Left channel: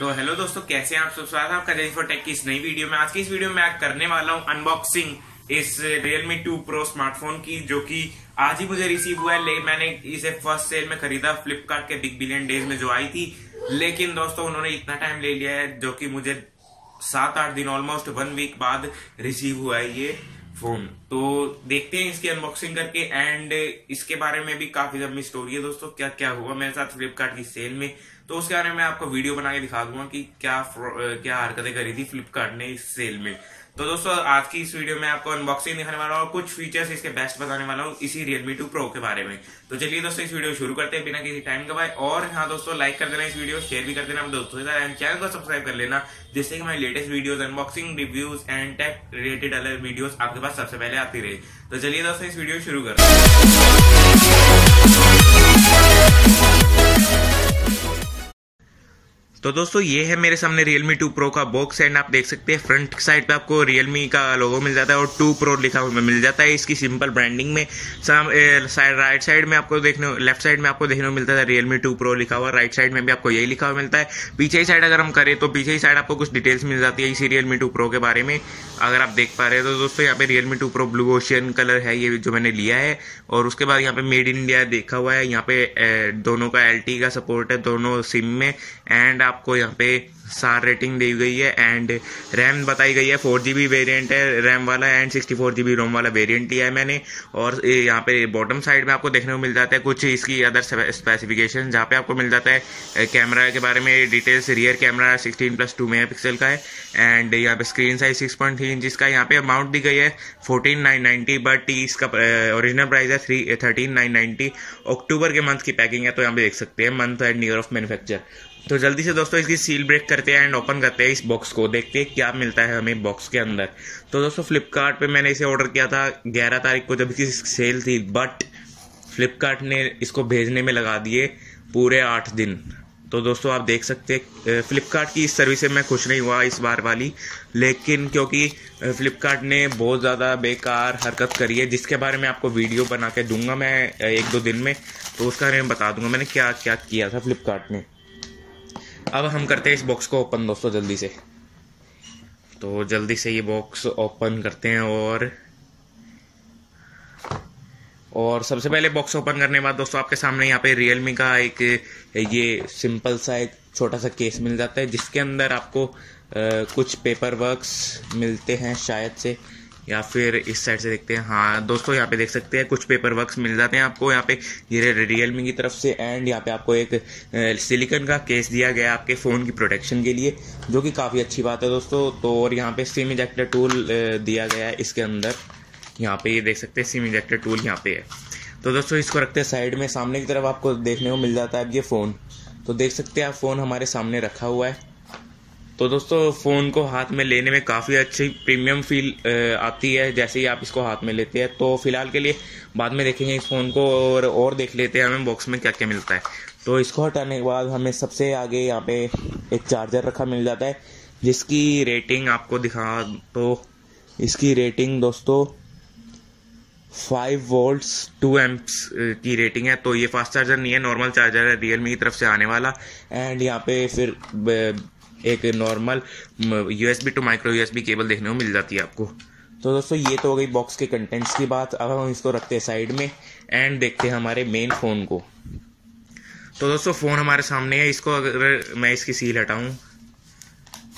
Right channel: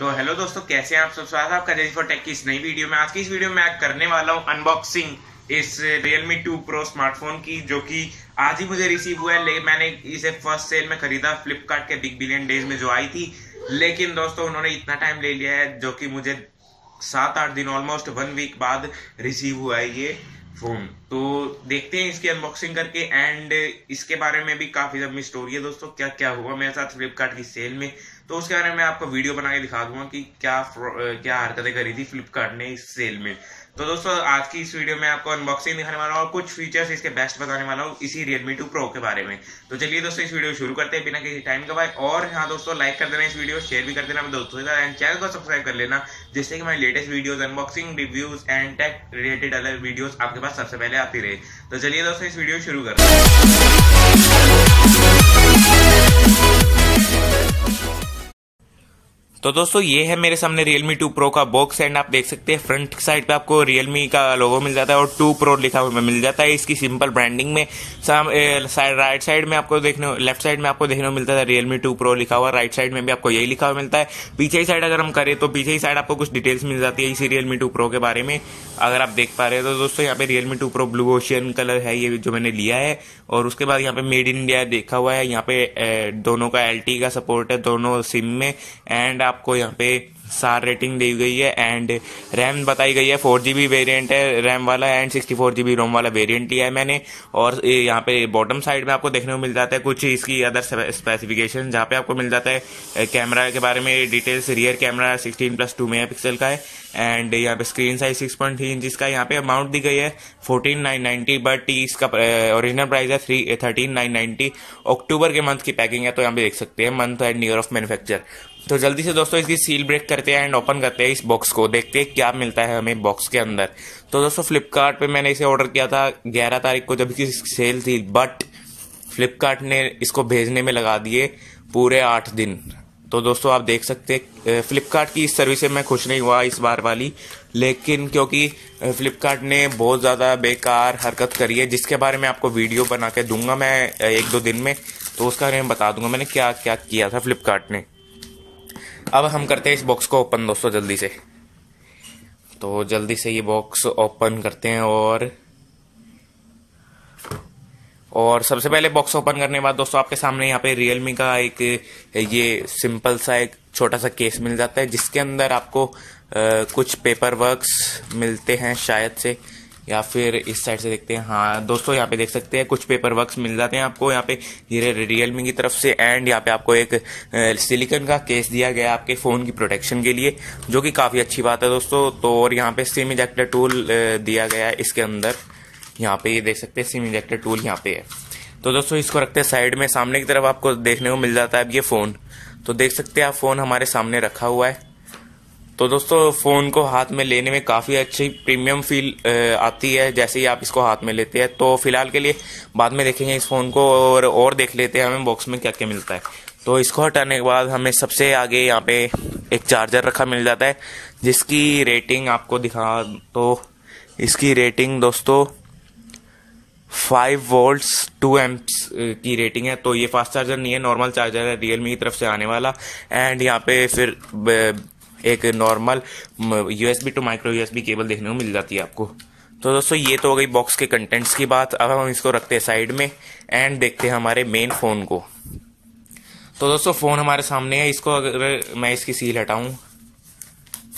तो हेलो दोस्तों, कैसे हैं आप सब। स्वागत है आपका जेनी फॉर टेक की इस नई वीडियो में। आज की इस वीडियो में मैं करने वाला हूं अनबॉक्सिंग इस Realme 2 Pro स्मार्टफोन की, जो कि आज ही मुझे रिसीव हुआ है। लेकिन मैंने इसे फर्स्ट सेल में खरीदा फ्लिपकार्ट के बिग बिलियन डेज में जो आई थी। लेकिन दोस्तों उन्होंने इतना टाइम ले लिया है, जो कि मुझे 7-8 दिन ऑलमोस्ट 1 वीक बाद रिसीव हुआ है ये फोन। तो देखते हैं इसकी अनबॉक्सिंग करके, एंड इसके बारे में भी काफी लंबी स्टोरी है दोस्तों। क्या क्या हुआ मेरे साथ फ्लिपकार्ट की सेल में, तो उसके बारे में मैं आपको वीडियो बना के दिखा दूंगा कि क्या हरकतें करी थी फ्लिपकार्ट ने इस सेल में। तो दोस्तों आज की इस वीडियो में आपको अनबॉक्सिंग दिखाने वाला हूँ और कुछ फीचर्स इसके बेस्ट बताने वाला हूँ इसी Realme 2 Pro के बारे में। तो चलिए दोस्तों इस वीडियो शुरू करते हैं बिना किसी टाइम गवाए। और हाँ दोस्तों, लाइक कर देना इस वीडियो, शेयर भी कर देना अपने दोस्तों के साथ, एंड चैनल को सब्सक्राइब कर लेना, जिससे कि हमारी latest videos, unboxing, reviews and tech related अलग वीडियोस आपके पास सबसे पहले आती रहे। तो चलिए दोस्तों इस वीडियो शुरू करते हैं। तो दोस्तों ये है मेरे सामने Realme 2 Pro का बॉक्स, एंड आप देख सकते हैं फ्रंट साइड पे आपको Realme का लोगो मिल जाता है और 2 Pro लिखा हुआ मिल जाता है इसकी सिंपल ब्रांडिंग में। राइट साइड में आपको लेफ्ट साइड में आपको देखने को मिलता है Realme 2 Pro लिखा हुआ, राइट साइड में भी आपको यही लिखा हुआ मिलता है। पीछे ही साइड अगर हम करें तो पीछे ही साइड आपको कुछ डिटेल्स मिल जाती है इसी Realme 2 Pro के बारे में, अगर आप देख पा रहे हैं। तो दोस्तों यहाँ पे Realme 2 Pro blue ocean colour है ये जो मैंने लिया है, और उसके बाद यहाँ पे मेड इन इंडिया देखा हुआ है। यहाँ पे दोनों का LTE का सपोर्ट है दोनों सिम में, एंड आपको यहाँ पे SAR रेटिंग दी गई है, एंड रैम बताई गई है 4GB वेरिएंट है रैम वाला, एंड 64GB रोम वाला वेरिएंट लिया है मैंने। और यहाँ पे बॉटम साइड में आपको देखने को मिल जाता है कुछ इसकी अदर स्पेसिफिकेशन, जहाँ पे आपको मिल जाता है कैमरा के बारे में डिटेल्स। रियर कैमरा 16+2 मेगापिक्सल का है, एंड यहाँ पे स्क्रीन साइज 6.3 इंच का। यहाँ पे अमाउंट दी गई है 14,990, बट इसका ओरिजिनल प्राइस है 13,990। अक्टूबर के मंथ की पैकिंग है, तो यहाँ पे देख सकते हैं month and year of manufacture. तो जल्दी से दोस्तों इसकी सील ब्रेक करते हैं एंड ओपन करते हैं इस बॉक्स को, देखते हैं क्या मिलता है हमें बॉक्स के अंदर। तो दोस्तों फ्लिपकार्ट पे मैंने इसे ऑर्डर किया था 11 तारीख को जब इसकी सेल थी, बट फ्लिपकार्ट ने इसको भेजने में लगा दिए पूरे 8 दिन। तो दोस्तों आप देख सकते हैं फ्लिपकार्ट की इस सर्विस से मैं खुश नहीं हुआ इस बार वाली, लेकिन क्योंकि फ्लिपकार्ट ने बहुत ज़्यादा बेकार हरकत करी है, जिसके बारे में आपको वीडियो बना के दूंगा मैं 1-2 दिन में, तो उसका बारे में बता दूंगा मैंने क्या क्या किया था फ्लिपकार्ट ने। अब हम करते हैं इस बॉक्स को ओपन दोस्तों जल्दी से। तो जल्दी से ये बॉक्स ओपन करते हैं, और सबसे पहले बॉक्स ओपन करने के बाद दोस्तों आपके सामने यहाँ पे Realme का एक ये सिंपल सा एक छोटा सा केस मिल जाता है, जिसके अंदर आपको कुछ पेपर वर्क्स मिलते हैं शायद से, या फिर इस साइड से देखते हैं। हाँ दोस्तों यहाँ पे देख सकते हैं कुछ पेपर वर्क्स मिल जाते हैं आपको यहाँ पे ये Realme की तरफ से, एंड यहाँ पे आपको एक सिलिकॉन का केस दिया गया आपके फ़ोन की प्रोटेक्शन के लिए, जो कि काफ़ी अच्छी बात है दोस्तों। तो और यहाँ पे सिम इजेक्टर टूल दिया गया है इसके अंदर, यहाँ पे ये देख सकते हैं सिम इजेक्टर टूल यहाँ पे है। तो दोस्तों इसको रखते हैं साइड में। सामने की तरफ आपको देखने को मिल जाता है अब ये फ़ोन, तो देख सकते हैं आप फ़ोन हमारे सामने रखा हुआ है। तो दोस्तों फ़ोन को हाथ में लेने में काफ़ी अच्छी प्रीमियम फील आती है जैसे ही आप इसको हाथ में लेते हैं। तो फिलहाल के लिए बाद में देखेंगे इस फ़ोन को, और देख लेते हैं हमें बॉक्स में क्या क्या मिलता है। तो इसको हटाने के बाद हमें सबसे आगे यहाँ पे एक चार्जर रखा मिल जाता है, जिसकी रेटिंग आपको दिखा, तो इसकी रेटिंग दोस्तों 5 वोल्ट्स 2 एम्प्स की रेटिंग है। तो ये फास्ट चार्जर नहीं है, नॉर्मल चार्जर है Realme की तरफ से आने वाला, एंड यहाँ पे फिर एक normal USB to micro USB cable देखने को मिल जाती है आपको। तो दोस्तों ये तो हो गई बॉक्स के कंटेंट्स की बात। अब हम इसको रखते हैं साइड में एंड देखते हैं हमारे मेन फ़ोन को। तो दोस्तों फ़ोन हमारे सामने है, इसको अगर मैं इसकी सील हटाऊं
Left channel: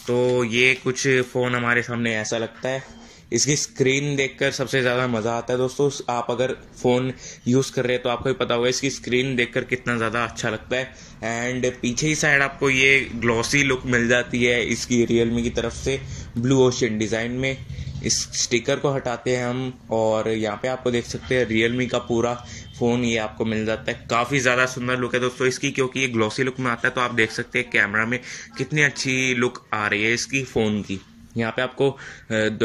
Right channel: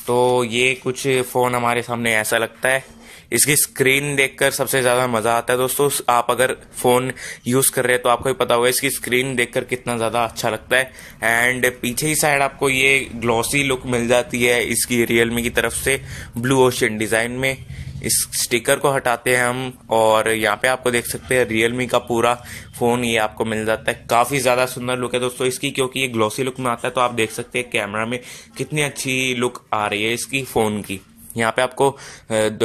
तो ये कुछ फ़ोन हमारे सामने ऐसा लगता है। इसकी स्क्रीन देखकर सबसे ज़्यादा मज़ा आता है दोस्तों। आप अगर फ़ोन यूज़ कर रहे हैं तो आपको ही पता होगा इसकी स्क्रीन देखकर कितना ज़्यादा अच्छा लगता है। एंड पीछे ही साइड आपको ये ग्लॉसी लुक मिल जाती है इसकी Realme की तरफ से ब्लू ओशियन डिज़ाइन में। इस स्टिकर को हटाते हैं हम, और यहाँ पे आपको देख सकते हैं Realme का पूरा फ़ोन ये आपको मिल जाता है। काफ़ी ज़्यादा सुंदर लुक है दोस्तों इसकी, क्योंकि ये ग्लॉसी लुक में आता है। तो आप देख सकते हैं कैमरा में कितनी अच्छी लुक आ रही है इसकी फ़ोन की। यहाँ पे आपको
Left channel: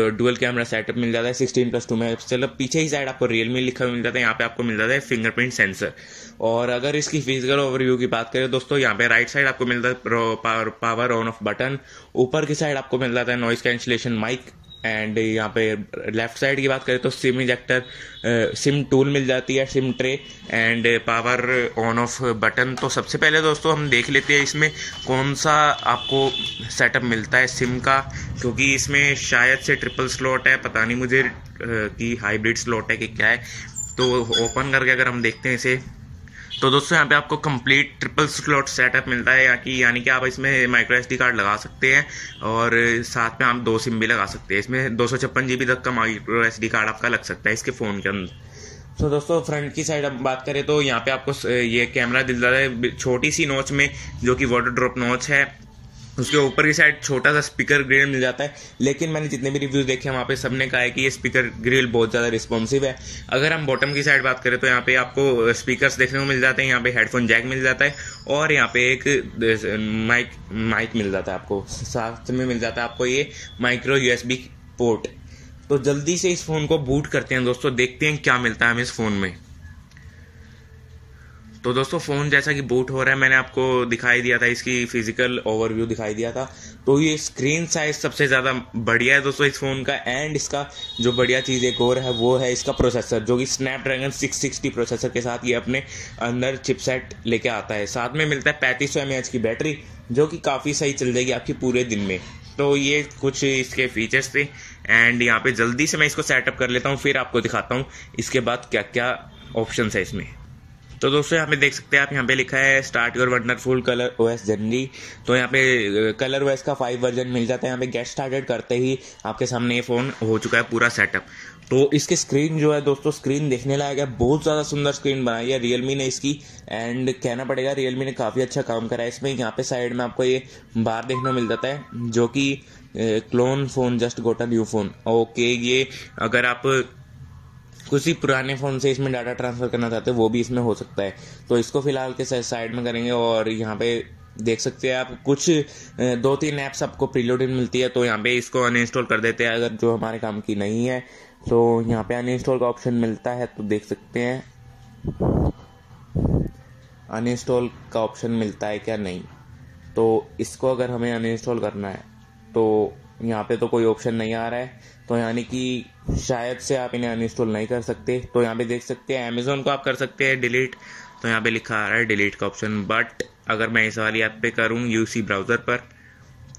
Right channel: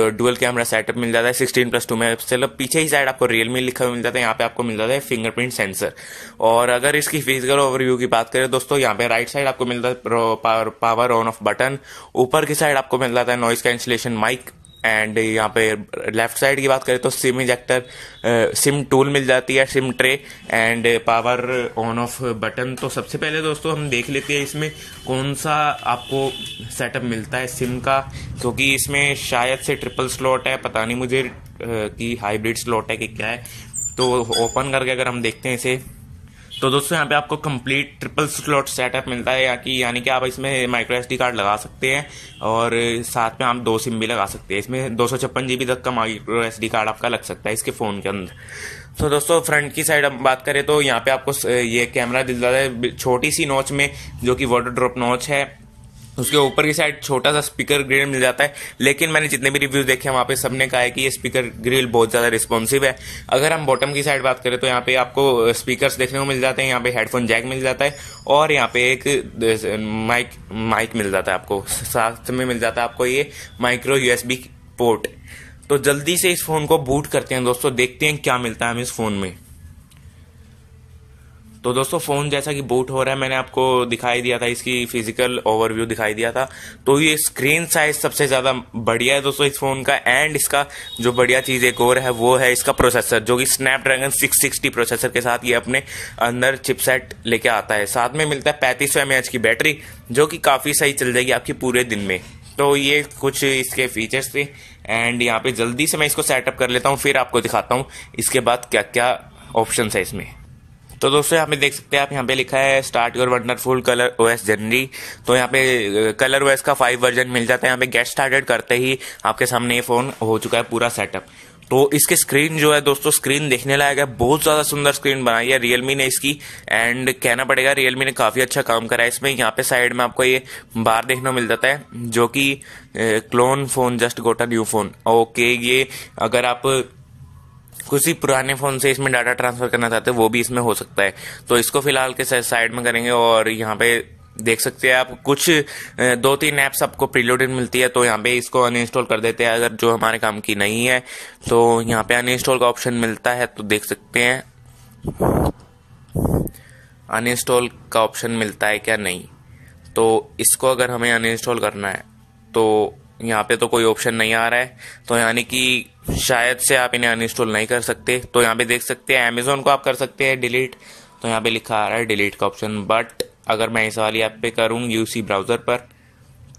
डुअल कैमरा सेटअप मिल जाता है 16+2 मेगापिक्सल। पीछे ही साइड आपको Realme लिखा हुआ मिल जाता है, यहाँ पे आपको मिल जाता है फिंगरप्रिंट सेंसर। और अगर इसकी फिजिकल ओवरव्यू की बात करें दोस्तों, यहाँ पे राइट साइड आपको मिल जाता है पावर ऑन ऑफ बटन, ऊपर की साइड आपको मिल जाता है नॉइस कैंसिलेशन माइक, एंड यहाँ पे लेफ्ट साइड की बात करें तो सिम इजेक्टर, सिम टूल मिल जाती है, SIM tray and power on off button. तो सबसे पहले दोस्तों हम देख लेते हैं इसमें कौन सा आपको सेटअप मिलता है सिम का, क्योंकि इसमें शायद से ट्रिपल स्लॉट है, पता नहीं मुझे कि हाइब्रिड स्लॉट है कि क्या है। तो ओपन करके अगर हम देखते हैं इसे, तो दोस्तों यहाँ पे आपको कंप्लीट ट्रिपल स्लॉट सेटअप मिलता है, यानी कि आप इसमें माइक्रो एसडी कार्ड लगा सकते हैं और साथ में आप 2 सिम भी लगा सकते हैं। इसमें 256 GB तक का माइक्रो एसडी कार्ड आपका लग सकता है इसके फ़ोन के अंदर। तो दोस्तों फ्रंट की साइड हम बात करें तो यहाँ पे आपको ये कैमरा दिल जाता है छोटी सी नॉच में, जो कि वाटर ड्रॉप नॉच है। उसके ऊपर की साइड छोटा सा स्पीकर ग्रिल मिल जाता है, लेकिन मैंने जितने भी रिव्यूज देखे हैं वहाँ पे सबने कहा है कि ये स्पीकर ग्रिल बहुत ज़्यादा रिस्पॉन्सिव है। अगर हम बॉटम की साइड बात करें तो यहाँ पे आपको स्पीकर्स देखने को मिल जाते हैं, यहाँ पे हेडफोन जैक मिल जाता है और यहाँ पे एक माइक मिल जाता है आपको, साथ में मिल जाता है आपको ये माइक्रो USB पोर्ट। तो जल्दी से इस फ़ोन को बूट करते हैं दोस्तों, देखते हैं क्या मिलता है हमें इस फ़ोन में। तो दोस्तों फ़ोन जैसा कि बूट हो रहा है, मैंने आपको दिखाई दिया था, इसकी फिजिकल ओवरव्यू दिखाई दिया था। तो ये स्क्रीन साइज सबसे ज़्यादा बढ़िया है दोस्तों इस फ़ोन का। एंड इसका जो बढ़िया चीज़ एक और है वो है इसका प्रोसेसर, जो कि स्नैपड्रैगन 660 प्रोसेसर के साथ ये अपने अंदर चिपसेट लेके आता है। साथ में मिलता है 3500 mAh की बैटरी, जो कि काफ़ी सही चल जाएगी आपकी पूरे दिन में। तो ये कुछ इसके फीचर्स थे एंड यहाँ पे जल्दी से मैं इसको सेटअप कर लेता हूँ, फिर आपको दिखाता हूँ इसके बाद क्या क्या ऑप्शन है इसमें। तो दोस्तों यहाँ पे देख सकते हैं आप, यहाँ पे लिखा है start your wonderful colour OS journey. तो यहाँ पे कलर OS का 5 वर्जन मिल जाता है। यहाँ पे गेट स्टार्टेड करते ही आपके सामने ये फ़ोन हो चुका है पूरा सेटअप। तो इसके स्क्रीन जो है दोस्तों, स्क्रीन देखने लायक है, बहुत ज़्यादा सुंदर स्क्रीन बनाई है रियलमी ने इसकी। एंड कहना पड़ेगा रियलमी ने काफ़ी अच्छा काम करा है इसमें। यहाँ पे साइड में आपको ये बार देखने को मिल जाता है, जो कि clone phone just got a new phone. Okay, ये अगर आप किसी पुराने फ़ोन से इसमें डाटा ट्रांसफ़र करना चाहते हैं वो भी इसमें हो सकता है। तो इसको फिलहाल के साइड में करेंगे और यहाँ पे देख सकते हैं आप कुछ 2-3 ऐप्स आपको प्रीलोडेड मिलती है। तो यहाँ पे इसको अनइंस्टॉल कर देते हैं अगर जो हमारे काम की नहीं है। तो यहाँ पे अनइंस्टॉल का ऑप्शन मिलता है, तो देख सकते हैं अनइंस्टॉल का ऑप्शन मिलता है क्या, नहीं। तो इसको अगर हमें अनइंस्टॉल करना है तो यहाँ पे तो कोई ऑप्शन नहीं आ रहा है, तो यानी कि शायद से आप इन्हें अनइंस्टॉल नहीं कर सकते। तो यहाँ पे देख सकते हैं अमेज़ॉन को आप कर सकते हैं डिलीट, तो यहाँ पे लिखा आ रहा है डिलीट का ऑप्शन। बट अगर मैं इस वाली ऐप पे करूँ UC ब्राउज़र पर,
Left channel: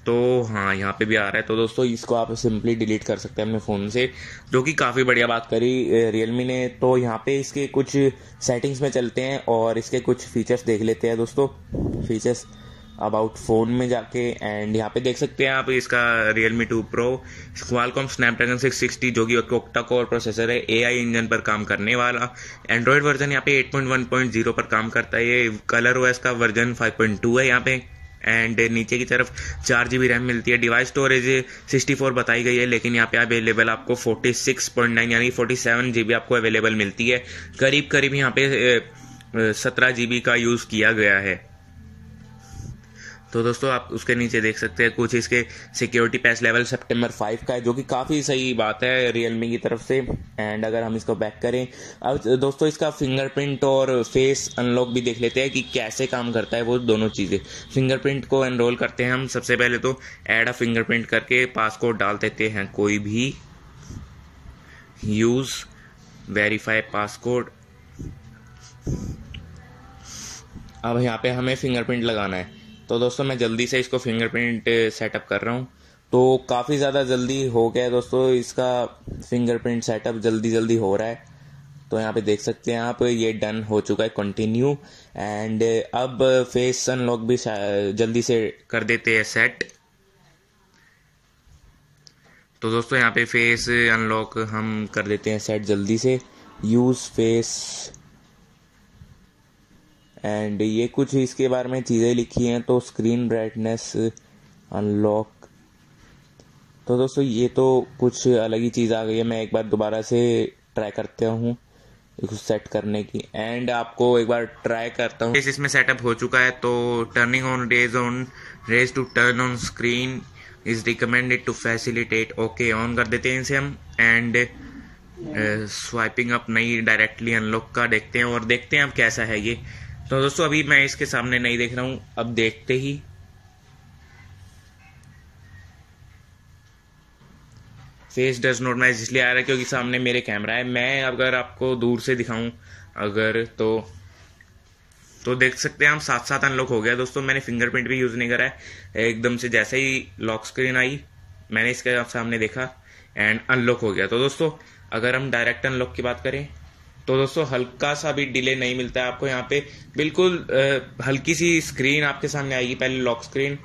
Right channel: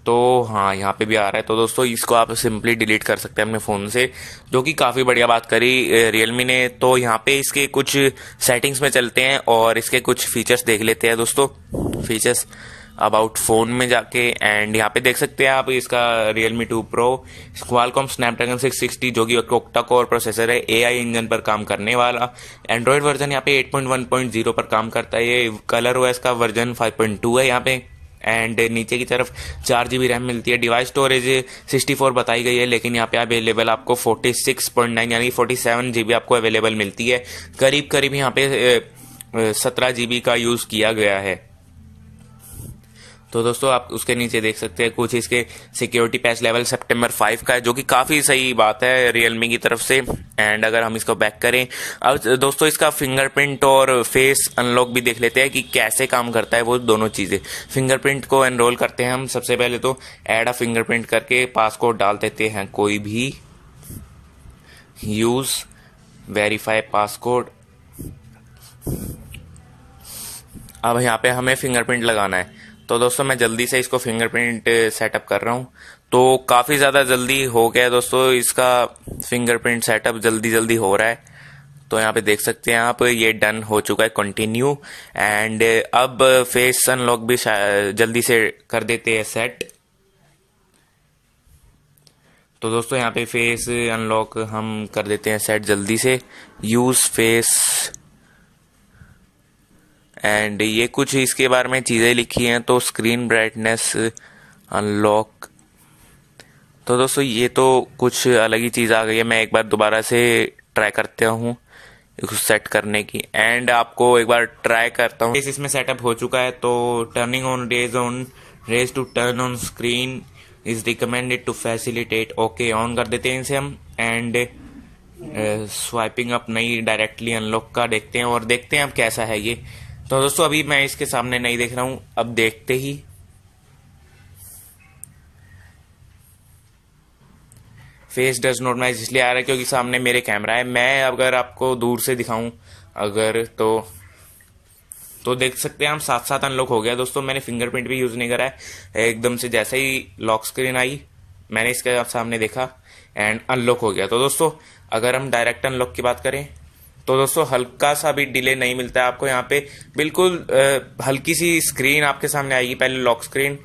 तो हाँ यहाँ पे भी आ रहा है। तो दोस्तों इसको आप सिंपली डिलीट कर सकते हैं अपने फ़ोन से, जो कि काफ़ी बढ़िया बात करी रियलमी ने। तो यहाँ पे इसके कुछ सेटिंग्स में चलते हैं और इसके कुछ फीचर्स देख लेते हैं दोस्तों। फीचर्स अबाउट फ़ोन में जाके एंड यहाँ पे देख सकते हैं आप इसका Realme 2 Pro क्वालकॉम स्नैपड्रैगन 660, जो कि ऑक्टा कोर प्रोसेसर है, AI इंजन पर काम करने वाला। एंड्रॉयड वर्जन यहाँ पे 8.1.0 पर काम करता है। ये कलर OS का वर्जन 5.2 है यहाँ पे। एंड नीचे की तरफ 4 GB रैम मिलती है। डिवाइस स्टोरेज 64 बताई गई है, लेकिन यहाँ पे अवेलेबल आपको 46.9 यानी 47 GB आपको अवेलेबल मिलती है। करीब करीब यहाँ पे 17 GB का यूज़ किया गया है। तो दोस्तों आप उसके नीचे देख सकते हैं कुछ इसके सिक्योरिटी पैच लेवल सितंबर 5 का है, जो कि काफ़ी सही बात है रियलमी की तरफ से। एंड अगर हम इसको बैक करें, अब दोस्तों इसका फिंगरप्रिंट और फेस अनलॉक भी देख लेते हैं कि कैसे काम करता है वो दोनों चीज़ें। फिंगरप्रिंट को एनरोल करते हैं हम सबसे पहले, तो ऐड अ फिंगरप्रिंट करके पासकोड डाल देते हैं कोई भी, यूज़ वेरीफाई पासकोड। अब यहाँ पे हमें फिंगरप्रिंट लगाना है। तो दोस्तों मैं जल्दी से इसको फिंगरप्रिंट सेटअप कर रहा हूँ। तो काफ़ी ज़्यादा जल्दी हो गया है दोस्तों, इसका फिंगरप्रिंट सेटअप जल्दी हो रहा है। तो यहाँ पे देख सकते हैं आप, ये डन हो चुका है, कंटिन्यू। एंड अब फेस अनलॉक भी जल्दी से कर देते हैं सेट। तो दोस्तों यहाँ पे फेस अनलॉक हम कर देते हैं सेट जल्दी से, यूज़ फेस। एंड ये कुछ इसके बारे में चीज़ें लिखी हैं, तो स्क्रीन ब्राइटनेस अनलॉक। तो दोस्तों ये तो कुछ अलग ही चीज़ आ गई है। मैं एक बार दोबारा से ट्राई करता हूँ इसको सेट करने की, एंड आपको एक बार ट्राई करता हूँ। इसमें सेटअप हो चुका है। तो turning on raise to turn on screen is recommended to facilitate. Okay, on कर देते हैं इसे हम। एंड स्वाइपिंग अप नहीं, डायरेक्टली अनलॉक का देखते हैं और देखते हैं अब कैसा है ये। तो दोस्तों अभी मैं इसके सामने नहीं देख रहा हूँ, अब देखते ही फेस डज नॉट मैच इसलिए आ रहा है क्योंकि सामने मेरे कैमरा है। मैं अगर आपको दूर से दिखाऊं अगर तो देख सकते हैं हम साथ साथ अनलॉक हो गया दोस्तों। मैंने फिंगरप्रिंट भी यूज नहीं करा है, एकदम से जैसे ही लॉक स्क्रीन आई मैंने इसके सामने देखा एंड अनलॉक हो गया। तो दोस्तों अगर हम डायरेक्ट अनलॉक की बात करें तो दोस्तों हल्का सा भी डिले नहीं मिलता है आपको। यहाँ पे बिल्कुल हल्की सी स्क्रीन आपके सामने आएगी, पहले लॉक स्क्रीन,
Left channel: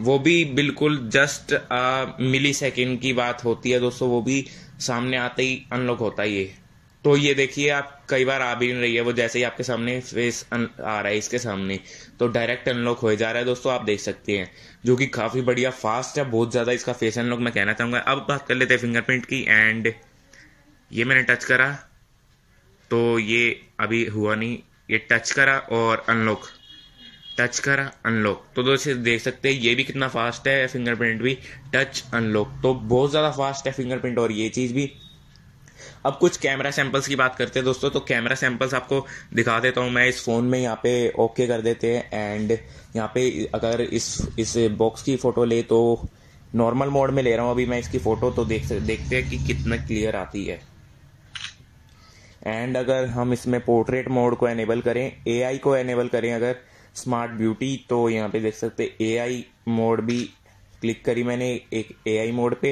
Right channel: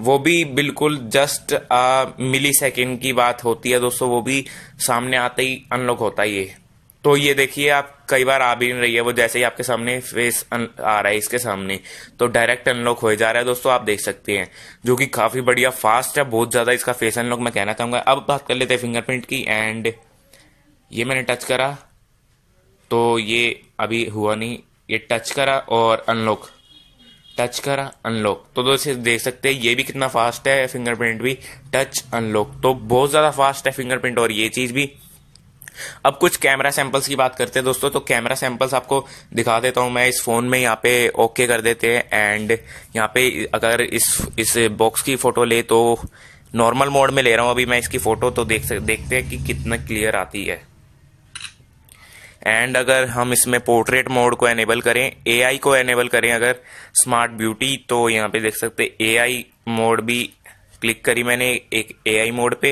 वो भी बिल्कुल जस्ट मिली सेकेंड की बात होती है दोस्तों, वो भी सामने आते ही अनलॉक होता ही है। तो ये देखिए आप कई बार आ भी नहीं रही है, वो जैसे ही आपके सामने फेस आ रहा है इसके सामने तो डायरेक्ट अनलॉक हो जा रहा है दोस्तों, आप देख सकते हैं, जो कि काफी बढ़िया फास्ट है, बहुत ज्यादा इसका फेस अनलॉक मैं कहना चाहूंगा। अब बात कर लेते हैं फिंगरप्रिंट की। एंड ये मैंने टच करा तो ये अभी हुआ नहीं, ये टच करा और अनलॉक, टच करा अनलॉक। तो दोस्तों देख सकते हैं ये भी कितना फास्ट है, फिंगरप्रिंट भी टच अनलॉक, तो बहुत ज्यादा फास्ट है फिंगरप्रिंट और ये चीज भी। अब कुछ कैमरा सैंपल्स की बात करते हैं दोस्तों। तो कैमरा सैंपल्स आपको दिखा देता हूं मैं इस फोन में, यहाँ पे ओके कर देते हैं। एंड यहाँ पे अगर इस बॉक्स की फोटो ले तो नॉर्मल मोड में ले रहा हूं अभी मैं इसकी फोटो, तो देखते हैं कि कितना क्लियर आती है। एंड अगर हम इसमें पोर्ट्रेट मोड को एनेबल करें, एआई को एनेबल करें अगर स्मार्ट ब्यूटी, तो यहाँ पे देख सकते हैं एआई मोड भी क्लिक करी मैंने एक एआई मोड पे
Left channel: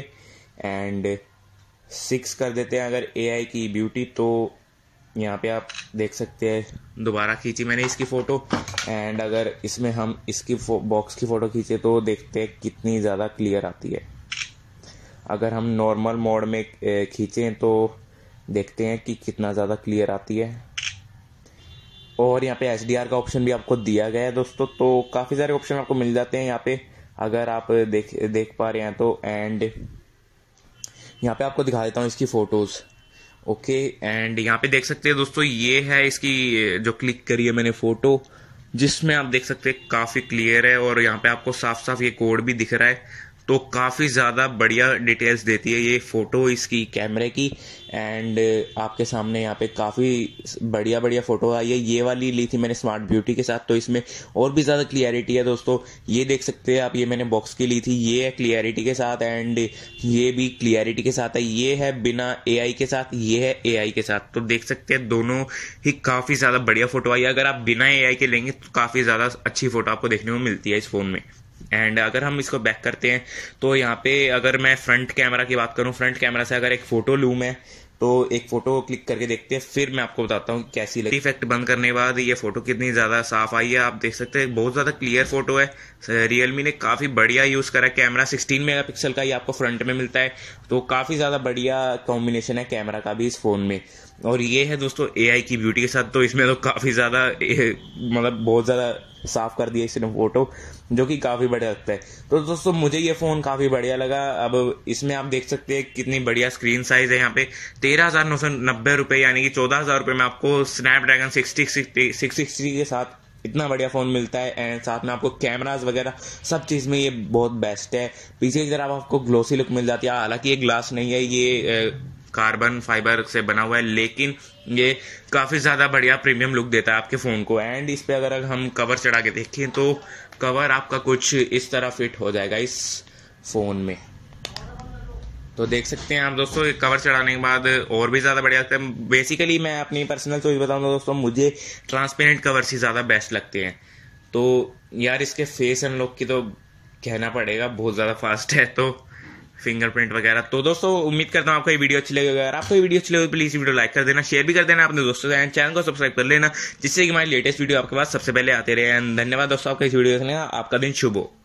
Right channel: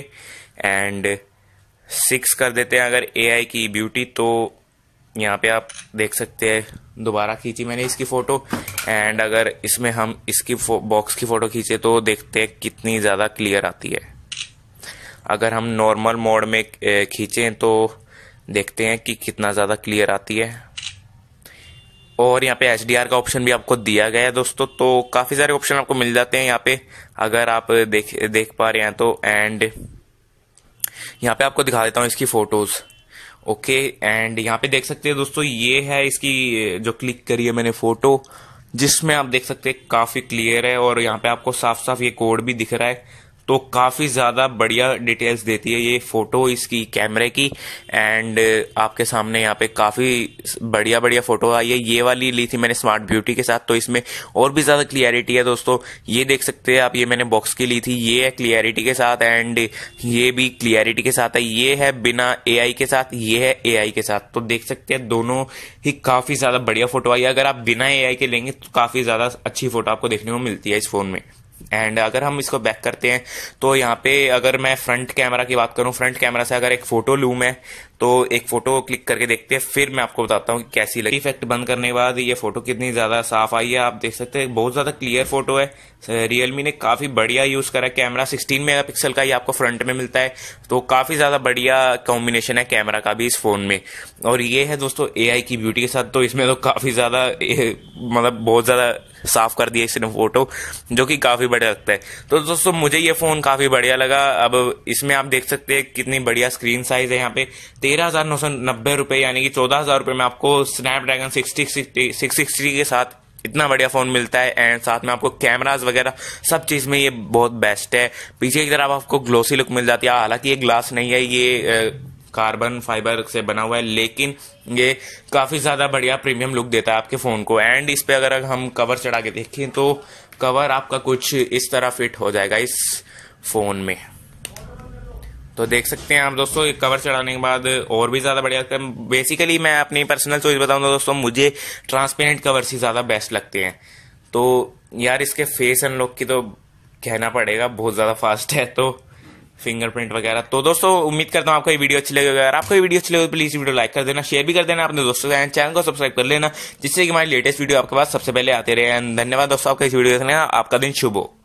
एंड 6 कर देते हैं अगर एआई की ब्यूटी। तो यहाँ पे आप देख सकते हैं दोबारा खींची मैंने इसकी फोटो एंड अगर इसमें हम इसकी बॉक्स की फोटो खींचे तो देखते हैं कितनी ज़्यादा क्लियर आती है। अगर हम नॉर्मल मोड में खींचें तो देखते हैं कि कितना ज़्यादा क्लियर आती है। और यहाँ पे HDR का ऑप्शन भी आपको दिया गया है दोस्तों, तो काफ़ी सारे ऑप्शन आपको मिल जाते हैं यहाँ पे अगर आप देख पा रहे हैं तो। एंड यहाँ पे आपको दिखा देता हूँ इसकी फोटोज, ओके। एंड यहाँ पे देख सकते हैं दोस्तों ये है इसकी जो क्लिक करी है मैंने फोटो, जिसमें आप देख सकते हैं काफी क्लियर है और यहाँ पे आपको साफ साफ ये कोड भी दिख रहा है, तो काफी ज्यादा बढ़िया डिटेल्स देती है ये फोटो इसकी कैमरे की। एंड आपके सामने यहाँ पे काफी बढ़िया बढ़िया फोटो आई है। ये वाली ली थी मैंने स्मार्ट ब्यूटी के साथ, तो इसमें और भी ज्यादा क्लियरिटी है दोस्तों। ये देख सकते हैं आप, ये मैंने बॉक्स की ली थी, ये है क्लियरिटी के साथ एंड ये भी क्लियरिटी के साथ है। ये है बिना एआई के साथ, ये है एआई के साथ, तो देख सकते हैं दोनों ही काफी ज्यादा बढ़िया फोटो आई है। अगर आप बिना एआई के लेंगे तो काफी ज्यादा अच्छी फोटो आपको देखने को मिलती है इस फोन में। एंड अगर हम इसको बैक करते हैं तो यहाँ पे अगर मैं फ्रंट कैमरा की बात करूँ, फ्रंट कैमरा से अगर एक फोटो लूँ मैं, तो एक फोटो क्लिक करके देखते हैं, फिर मैं आपको बताता हूँ कि कैसी लगी। इफेक्ट बंद करने के बाद ये फोटो कितनी ज्यादा साफ आई है, आप देख सकते हैं बहुत ज्यादा क्लियर फोटो है। रियलमी ने काफी बढ़िया यूज करा है कैमरा, 16 मेगापिक्सल का ही आपको फ्रंट में मिलता है, तो काफी ज्यादा बढ़िया कॉम्बिनेशन है कैमरा का भी इस फोन में। और ये है दोस्तों एआई की ब्यूटी के साथ, तो इसमें तो काफी ज्यादा मतलब बहुत ज्यादा साफ कर दिया इसने फोटो, जो कि काफी बढ़िया लगता है। तो दोस्तों मुझे ये फोन काफी बढ़िया लगा। अब इसमें आप देख सकते हैं कितनी बढ़िया स्क्रीन साइज है। यहाँ पे 13,990 रुपए यानी कि 14,000 रुपए में आपको स्नैपड्रैगन 660 के साथ इतना बढ़िया फोन मिलता है। एंड साथ में आपको कैमरास वगैरह सब चीज में ये बहुत बेस्ट है। पीछे की तरफ आपको ग्लोसी लुक मिल जाती है, हालांकि ये ग्लास नहीं है, ये कार्बन फाइबर से बना हुआ है, लेकिन ये काफी ज्यादा बढ़िया प्रीमियम लुक देता है आपके फोन को। एंड इस पे अगर हम कवर चढ़ा के देखें तो कवर आपका कुछ इस तरह फिट हो जाएगा इस फोन में, तो देख सकते हैं आप दोस्तों। कवर चढ़ाने के बाद और भी ज्यादा बढ़िया लगता है। बेसिकली मैं अपनी पर्सनल चॉइस बताऊं तो दोस्तों मुझे ट्रांसपेरेंट कवर ही ज्यादा बेस्ट लगते हैं। तो यार इसके फेस अनलॉक की तो कहना पड़ेगा बहुत ज्यादा फास्ट है, तो फिंगरप्रिंट वगैरह। तो दोस्तों उम्मीद करता हूँ आपको ये वीडियो अच्छी लगेगी। अगर आपको ये वीडियो अच्छी लगे तो प्लीज वीडियो लाइक कर देना, शेयर भी कर देना अपने दोस्तों से, चैनल को सब्सक्राइब कर लेना, जिससे कि हमारी लेटेस्ट वीडियो आपके पास सबसे पहले आते रहे। धन्यवाद दोस्तों आपका इस वीडियो देखने का, आपका दिन शुभ हो।